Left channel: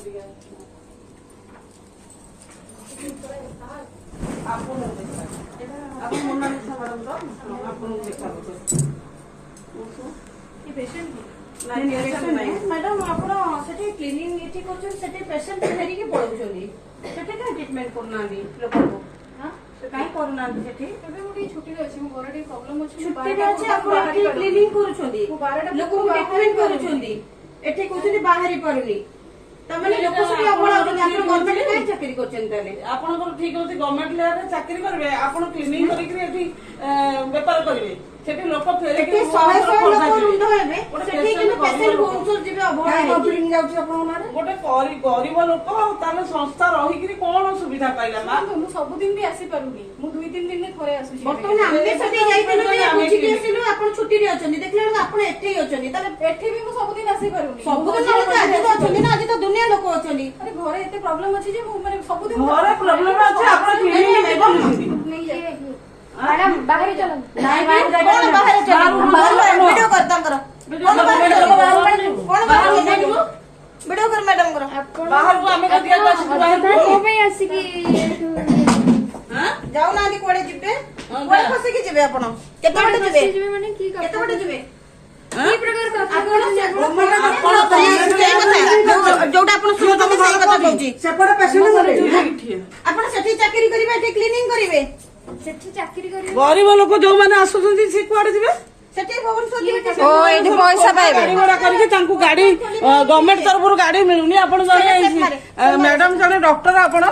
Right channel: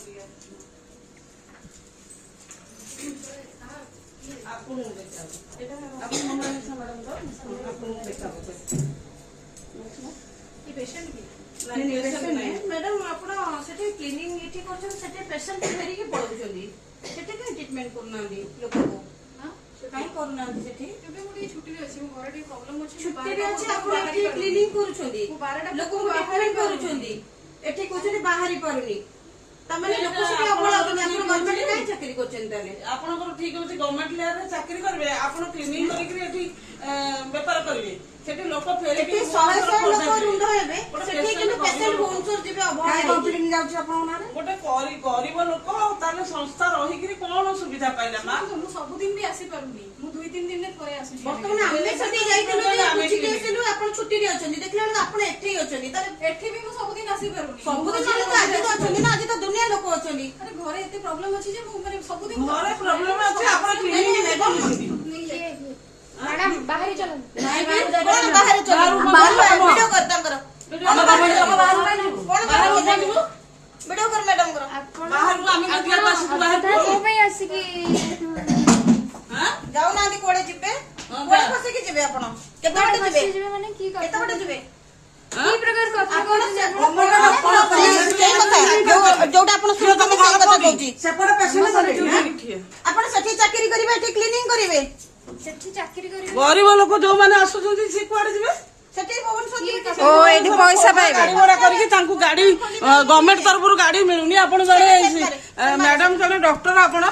madam आप cleaning ये patient फेरिकी पड़ाऊँगी treatment करना लोक को कहीं करूना छुट्टी अच्छी घर प्रॉब्लम अच्छी क्लीनिंग कर लोक ट्रिटमेंट कर बाहरी पारुनी तमें लोक सब गवर्नमेंट कहीं चाकरी कर ठीक अच्छे गवर्नमेंट लेवल चाकरी करेंगे आप क्लीनिंग करके बेपार करेंगे सेठी लोक फेरिकी 100 लोक रुंड हेबे सेठी किने पेशेंट होउछर जिबे अभाव बिल्डिंग जाउछ आपन माने गोटे गरीब लोक ताले संस्था रही कि कोन सुविधा पाइला मा मु सब दिन भी आसी पारुनी मु 2-3 दिन में थरे आसुछी वर्तमान आमे सती जाइतिलु जे बुझी गेसिलु आपन छुट्टी रे अछनी देखला आपन एठी अछनी ताले एठी भी मु सब दिन आसी पारुनी सब दिन आज तो अछनी ना आज तो दुनिया लोक अछनी अरे घरे एते प्रॉब्लम अछि जे मु माने सब दिन घरे प्रॉब्लम अछि आपन क्लिनिक नहीं मैडम बाहर चलो नहीं बाहर चलो बाहर वीडियो कर तांकर कोन बाहर वीडियो कर मैडम करो बाहर को हमें दिया बस बाहर को में आसी की हां जाऊ ना कोड़े जिबे कोड़े फसी के जिबे आपण केते बटे जिबे माने की केते बटे जिबे की प्रकार जोटा आपण सुनते सही कथा कहूची सेपटे पेशेंट गले आपण सठी चाकरी करिवे एठी क्लीनिंग करिवे सेठी चाकरी करी गरीब लोक जो माने आसुछंती से कुआडे जिबे सेठी भुवनेश्वर ओ एठी पैसा पाइबे गाड़ी घोड़ा करके तांकु गाड़ी गवर्नमेंट तरफ गाड़ी मिलुनी आपण जणे मैडम जणे डॉक्टर आपण